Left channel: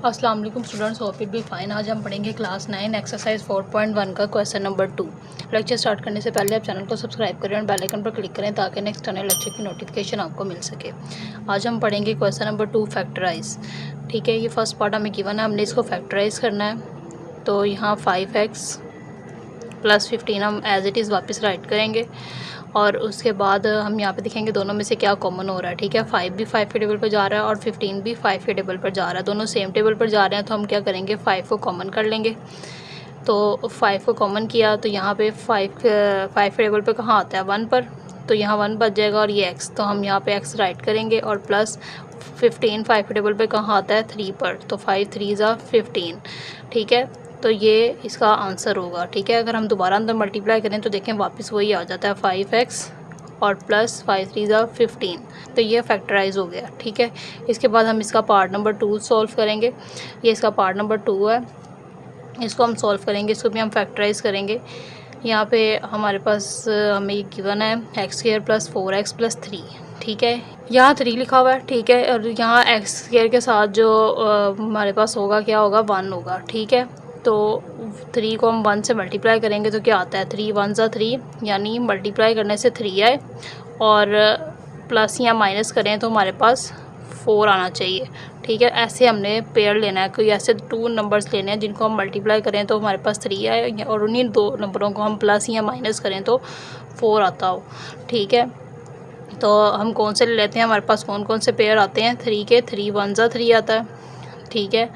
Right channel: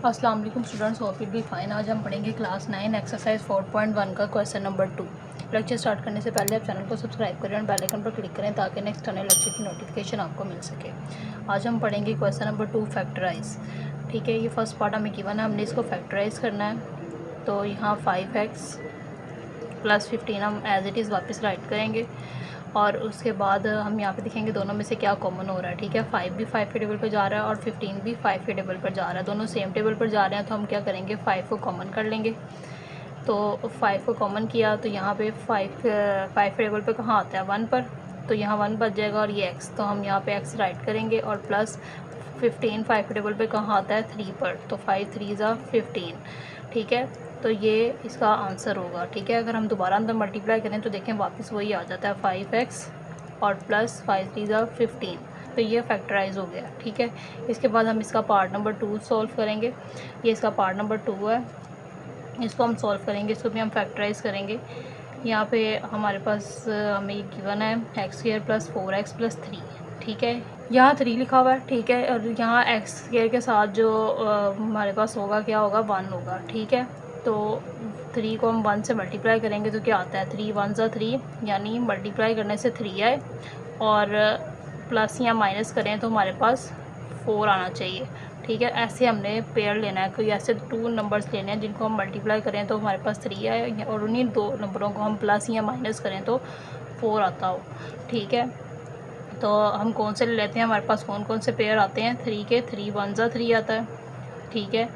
अस्सलाम वालेकुम students, hope it be fine. आज हम पढ़ेंगे क्लास 9 एक्सरसाइज 4.1 का क्वेश्चन नंबर 2। लेक्चर स्टार्ट करने से पहले आप चैनल को सब्सक्राइब करें और बेल आइकन पर क्लिक करें ताकि नेक्स्ट आने लेक्चर की नोटिफिकेशन आपको मिल सके। आज हम पढ़ेंगे क्वेश्चन नंबर 2 फैक्टराइज। ठीक है, ये फर्स्ट पार्ट हमें गिवन है, हमने इसको फैक्टराइज करना है। तो यहाँ 5x प्लस 15 हम एज इट इज़ वापस राइट करेंगे और उसके बाद हम यहाँ पे देखेंगे दोनों में से क्या कॉमन हो रहा है। ठीक है, 5 भी 5 के टेबल पर जा रहा है और 15 भी 5 के टेबल पर जा रहा है, दोनों सेम टेबल पर जा रहे हैं। तो हम क्या करेंगे, 5 को कॉमन कर लेंगे। तो 5 को कॉमन किया तो यहाँ पे 5 के टेबल पर कहाँ आता है, 1 पर, तो यहाँ 1 बच जाएगा और ये x, तो हम यहाँ पे x राइट करेंगे। और प्लस 15 5 के टेबल पर कहाँ आता है, 3 पर, तो 5 3 ज़ा 15। ठीक है, तो ये इसका आंसर होगा। ठीक है, अगर हम दोबारा अंदर मल्टीप्लाई करें तो देखें वापस वही आ जाता है 5x और प्लस 5 3 ज़ा 15। तो ये फैक्टराइज हो गया। ठीक है, इसके बाद हम इसका पार्ट नंबर 2 सॉल्व करेंगे। ये इसका पार्ट नंबर 2 है, इसको हम सॉल्व करेंगे, इसको भी हम फैक्टराइज करेंगे। यहाँ पे हमारे पास हमें ये गिवन है x² प्लस 4x प्लस 3। ठीक है, यहाँ 3 लिखा हुआ है। ठीक है, और यहाँ x² के साथ जो हमारे पास होगा क्या होगा, 1 होगा। ठीक है, तो 3 को हम 1 से मल्टीप्लाई करेंगे तो क्या आता है, 3 1 ज़ा 3, यानी मल्टीप्लाई करने से 3 आए और प्लस या माइनस करें तो हमारे पास 4 आना चाहिए। ठीक है, ऐसे हमने पेयर लेना है, कोई ऐसे 2 नंबर्स लेने हैं जिनको हम मल्टीप्लाई करें तो हमारे पास 3 आए और उन्हीं 2 नंबरों को हम प्लस या माइनस करें तो 4 आता हो। ठीक है, तो हम कौन से ले लेते हैं, हमारे पास कौन कौन से पेयर आते हैं, 3 के, 3 1 ज़ा 3 आता है। ठीक है,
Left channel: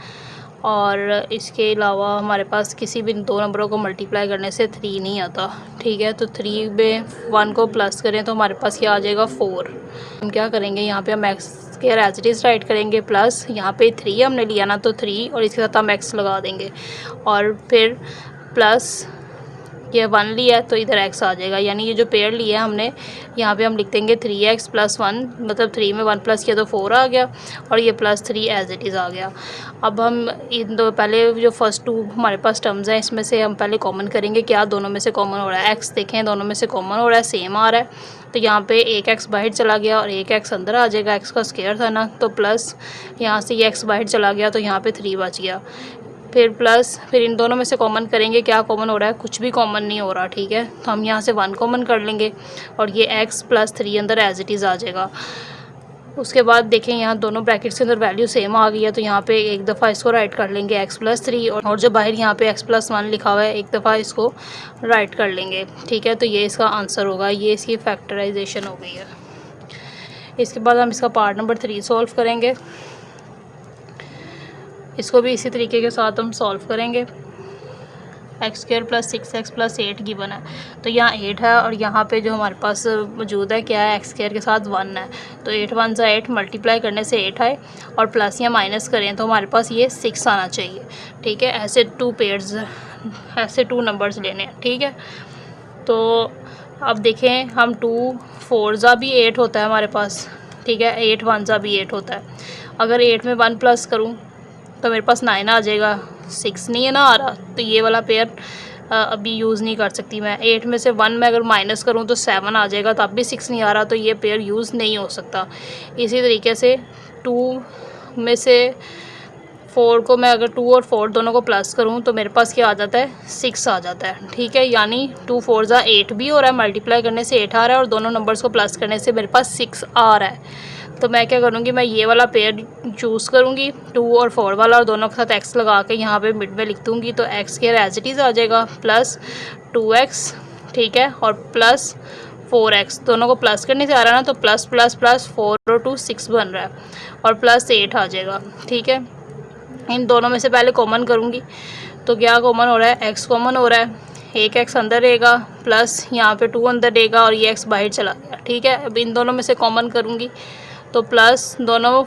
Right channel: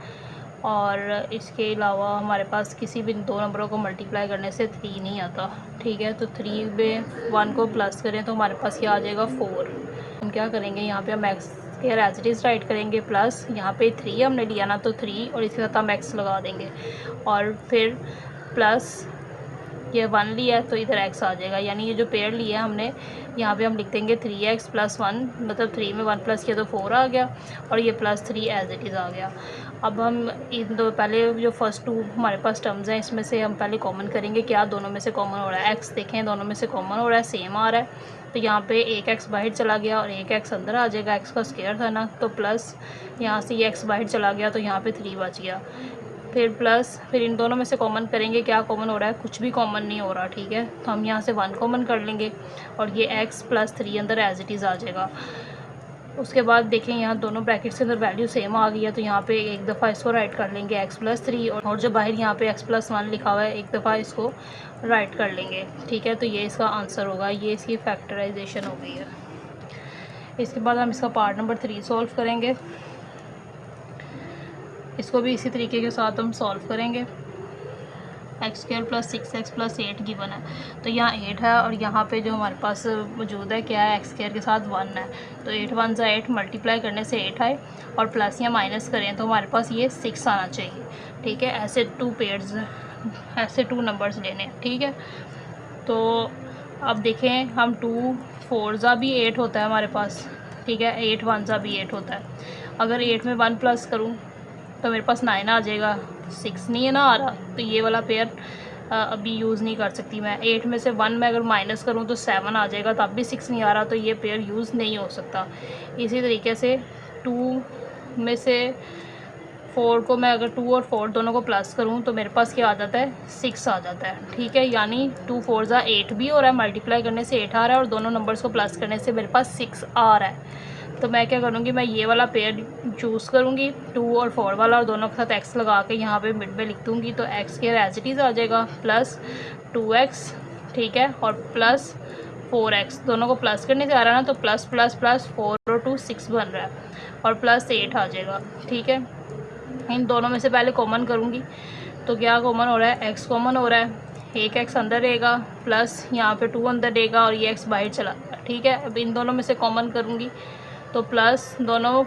और इसके अलावा हमारे पास किसी भी 2 नंबरों को मल्टीप्लाई करने से 3 नहीं आता। ठीक है, तो 3 में 1 को प्लस करें तो हमारे पास क्या आ जाएगा, 4। हम क्या करेंगे, यहाँ पे हम x के एज इट इज़ राइट करेंगे, प्लस यहाँ पे 3 हमने लिया ना, तो 3 और इसके साथ हम x लगा देंगे और फिर प्लस ये 1 लिया है तो इधर x आ जाएगा, यानी ये जो पेयर लिया है हमने, यहाँ पे हम लिख देंगे 3x प्लस 1, मतलब 3 में 1 प्लस किया तो 4 आ गया और ये प्लस 3 एज इट इज़ आ गया। अब हम इन दो पहले जो फर्स्ट 2 हमारे पास टर्म्स हैं इसमें से हम पहले कॉमन करेंगे, क्या दोनों में से कॉमन हो रहा है, x देखें दोनों में से कॉमन हो रहा है, सेम आ रहा है। तो यहाँ पे एक x बाहर चला गया और एक x अंदर आ जाएगा, x का स्क्वायर था ना, तो प्लस यहाँ से ये x बाहर चला गया तो यहाँ पे 3 बच गया। फिर प्लस, फिर इन दोनों में से कॉमन करेंगे, क्या कॉमन हो रहा है, कुछ भी कॉमन नहीं हो रहा। ठीक है, तो हम यहाँ से 1 कॉमन कर लेंगे और ये x प्लस 3 अंदर एज इट इज़ आ जाएगा। उसके बाद देखें यहाँ दोनों ब्रैकेट्स के अंदर वैल्यू सेम आ गई है, तो यहाँ पे एक दफ़ा इसको राइट कर लेंगे x प्लस 3 और जो बाहर यहाँ पे x प्लस 1 लिखा हुआ है एक दफ़ा इसको राइट कर लेंगे। ठीक है, तो ये इसका आंसर होगा, ये इसकी फैक्टराइजेशन हो गई है। इसके बाद हम इसका पार्ट नंबर 3 सॉल्व करेंगे, इसको भी इसी तरीके के साथ हम सॉल्व करेंगे। x² plus 6x plus 8 given है, तो यहाँ 8 है और यहाँ पे जो हमारे पास मौजूद है क्या है, x² के साथ 1 है, तो 8 1 ज़ा 8, मल्टीप्लाई करने से 8 आए और प्लस या माइनस करें तो हमारे पास ये 6 आना चाहिए। ठीक है, ऐसे 2 पेयर्स, ऐसे 2 नंबर्स लेने हैं। ठीक है, तो अब देखें हम 2 4 ज़ा भी 8 होता है हमारे पास। ठीक है, 8 1 ज़ा भी 8 होता है। अगर 8 में 1 प्लस करूँ तो मेरे पास 9 आ जाएगा, 6 नहीं है ना आ रहा, तो ये वाला पेयर अभी यूज़ नहीं कर सकती मैं। 8 में से 1 में अगर माइनस करूँ तो 7 आ जाएगा, तब भी 6 नहीं आ रहा, तो ये पेयर यूज़ नहीं हो सकता। इसी तरीके से 2 में से 4 को मैं अगर 2 और 4 दोनों को प्लस करूँ तो मेरे पास क्या आ जाता है, 6 आ जाता है। ठीक है, यानी 2 4 ज़ा 8 भी हो रहा है, मल्टीप्लाई करने से 8 आ रहा है और दोनों नंबर्स को प्लस करने से मेरे पास 6 आ रहा है। तो मैं क्या करूँगी, मैं ये वाला पेयर चूज़ करूँगी 2 और 4 वाला और दोनों के साथ x लगा के यहाँ पे मिड में लिख दूँगी, तो x² एज इट इज़ आ जाएगा प्लस 2x। ठीक है, और प्लस 4x, दोनों को प्लस करने से आ रहा है ना, तो प्लस प्लस प्लस 4 और 2 6 बन रहा है और प्लस 8 आ जाएगा। ठीक है, इन दोनों में से पहले कॉमन करूँगी तो क्या कॉमन हो रहा है, x कॉमन हो रहा है, एक x अंदर रहेगा प्लस यहाँ पे 2 अंदर रहेगा और ये x बाहर चला गया। ठीक है, अब इन दोनों में से कॉमन करूँगी तो प्लस दोनों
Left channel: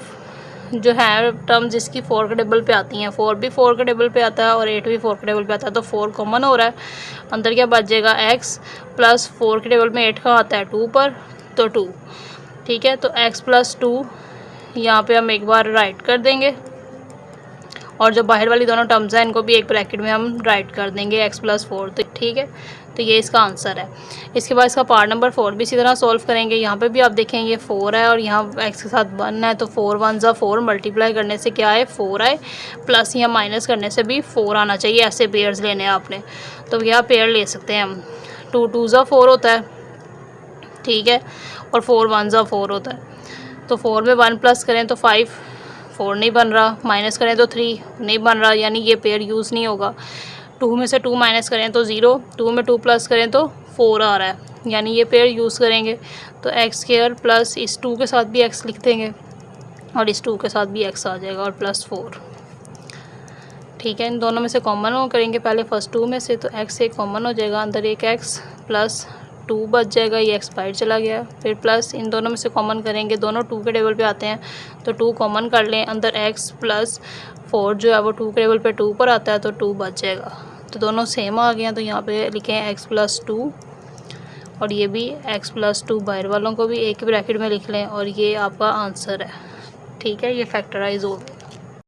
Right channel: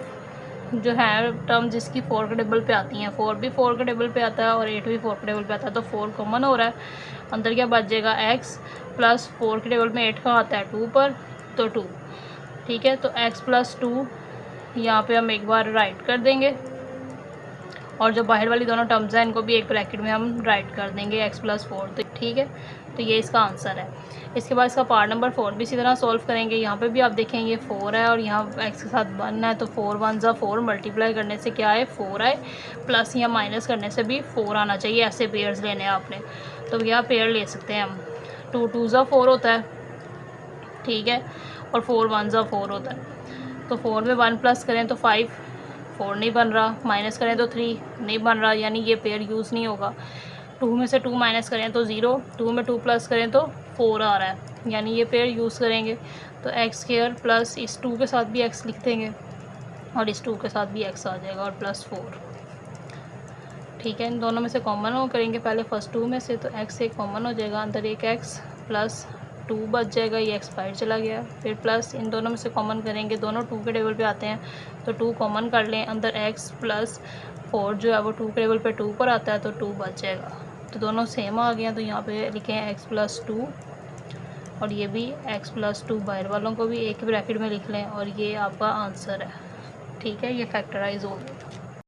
जो है टर्म जिसकी 4 के टेबल पे आती हैं, 4 भी 4 के टेबल पे आता है और 8 भी 4 के टेबल पे आता है, तो 4 कॉमन हो रहा है। अंदर क्या बच जाएगा, x प्लस 4 के टेबल में 8 का आता है 2 पर, तो 2। ठीक है, तो x प्लस 2 यहाँ पे हम एक बार राइट कर देंगे और जो बाहर वाली दोनों टर्म्स हैं इनको भी एक ब्रैकेट में हम राइट कर देंगे x+4, तो ठीक है। तो ये इसका आंसर है। इसके बाद इसका पार्ट नंबर 4 भी इसी तरह सॉल्व करेंगे। यहाँ पे भी आप देखें ये 4 है और यहाँ x के साथ 1 है, तो 4 1 ज़ा 4, मल्टीप्लाई करने से क्या है 4 आए, प्लस यहाँ माइनस करने से भी 4 आना चाहिए। ऐसे पेयर्स लेने हैं आपने, तो यहाँ पेयर ले सकते हैं हम। 2 2 ज़ा 4 होता है, ठीक है, और 4 1 ज़ा 4 होता है। तो 4 में 1 प्लस करें तो 5, 4 नहीं बन रहा, माइनस करें तो 3 नहीं बन रहा, यानी ये पेयर यूज़ नहीं होगा। 2 में से 2 माइनस करें तो 0, 2 में 2 प्लस करें तो 4 आ रहा है, यानी ये पेयर यूज़ करेंगे। तो x² प्लस इस 2 के साथ भी x लिख देंगे और इस 2 के साथ भी x आ जाएगा और +4, ठीक है। इन दोनों में से कॉमन हो करेंगे पहले फर्स्ट 2 में से, तो x एक कॉमन हो जाएगा, अंदर एक x प्लस 2 बच जाएगा, ये x बाहर चला गया। फिर प्लस इन दोनों में से कॉमन करेंगे, दोनों 2 के टेबल पे आते हैं, तो 2 कॉमन कर लें, अंदर x प्लस 4 जो है वो 2 के टेबल पे 2 पर आता है, तो 2 बच जाएगा। तो दोनों सेम आ गए हैं, तो यहाँ पे लिखें x+2 और ये भी x+2, बाहर वालों को भी एक ही ब्रैकेट में लिख लें और ये आपका आंसर है, ठीक है। ये फैक्टराइज हो गया।